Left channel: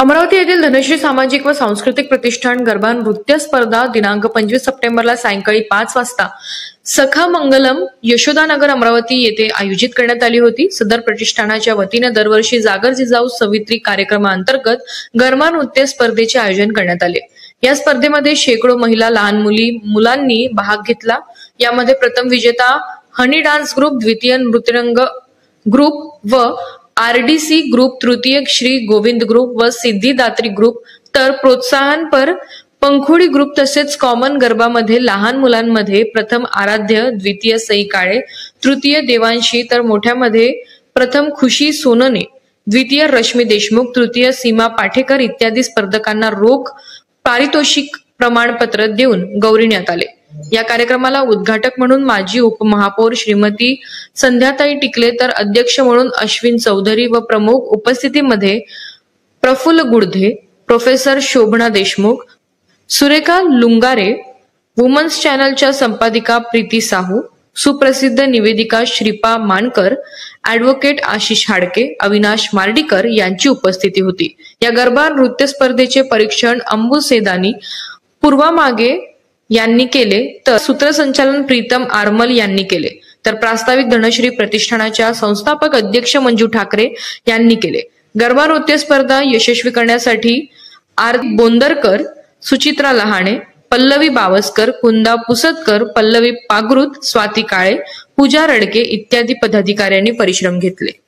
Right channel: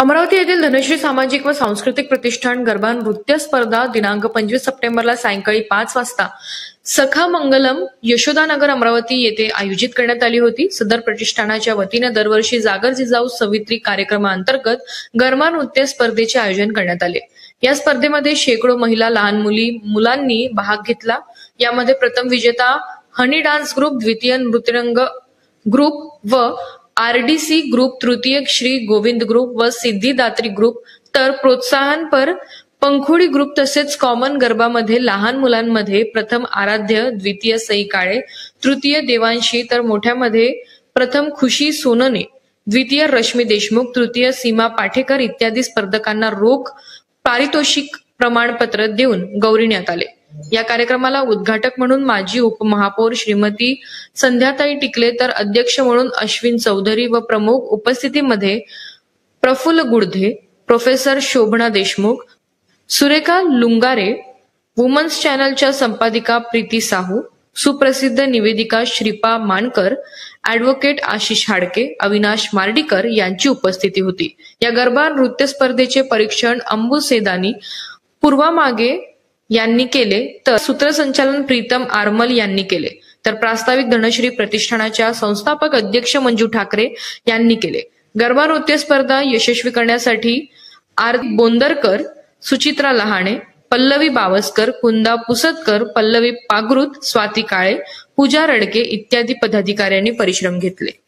अमरावती येथील धनश्री सामाजिक व सांस्कृतिक प्रतिष्ठान गरबा नृत्य स्पर्धा दिनांक 25 सप्टेंबरला सायंकाळी 5 वाजता सखा मंगलम यशोदानगर अमरावती येथे आयोजित करण्यात आली होती। सदर प्रतिष्ठानाच्या वतीने दरवर्षी जागर जिजाऊ सवित्री कार्यक्रमाअंतर्गत गरबा नृत्य स्पर्धेचे आयोजन करण्यात आले। या स्पर्धेमध्ये शेकडो महिला लहान मुलांनी भाग घेतला। यामध्ये प्रथम विजेता हनी डान्स ग्रुप, द्वितीय नृत्यरंग ग्रुप व आरडीसी ग्रुप, तृतीय श्री गोविंद ग्रुप व सिद्धिदात्री ग्रुप, तर प्रोत्साहनपर पंखोडी ग्रुप तसेच कॉमन गरबामध्ये लहान मुलांमध्ये प्रथम आराध्य, द्वितीय सई काळे, तृतीय देवांशी, तर मोठ्यामध्ये प्रथम खुशी सोनने, द्वितीय रश्मी देशमुख, तृतीय सीमा पाठेकर इत्यादी स्पर्धकांना रोख पारितोषिक प्रमाणपत्र देऊन गौरविण्यात आले। या कार्यक्रमाला उद्घाटक म्हणून माजी उपमहापौर श्रीमती संध्याताई टिकले, तर अध्यक्ष म्हणून अश्विन चौधरी व प्रमुख उपस्थितीमध्ये प्रफुल्ल गुडधे, प्रोफेसर शोभना देशमुख, सुरेखा लुंगारे, वुमन्स चॅनलच्या संपादिका प्रीती साहू, सुप्रसिद्ध निवेदिका श्रीपा मानकर, ऍडव्होकेट आशिष हाडके, अविनाश मार्डीकर यांची उपस्थिती होती। या गरबा नृत्य स्पर्धेचे परीक्षण अंबू सेदानी, पूर्वा मागे यांनी केले, तर सूत्रसंचालन प्रीतम आरमल यांनी केले, तर प्रास्ताविक धनश्री प्रतिष्ठानाच्या संस्थापक अध्यक्ष मंजू ठाकरे यांनी केले। गरबा नृत्य स्पर्धा यशस्वी करण्यासाठी आर बोंदरकर, सुचित्रा लहाणे, पल्लवी बावस्कर, कुंदा पुसतकर, पल्लवी पागृत, स्वाती काळे, पूजा रडके इत्यादी पदाधिकाऱ्यांनी परिश्रम घेतले।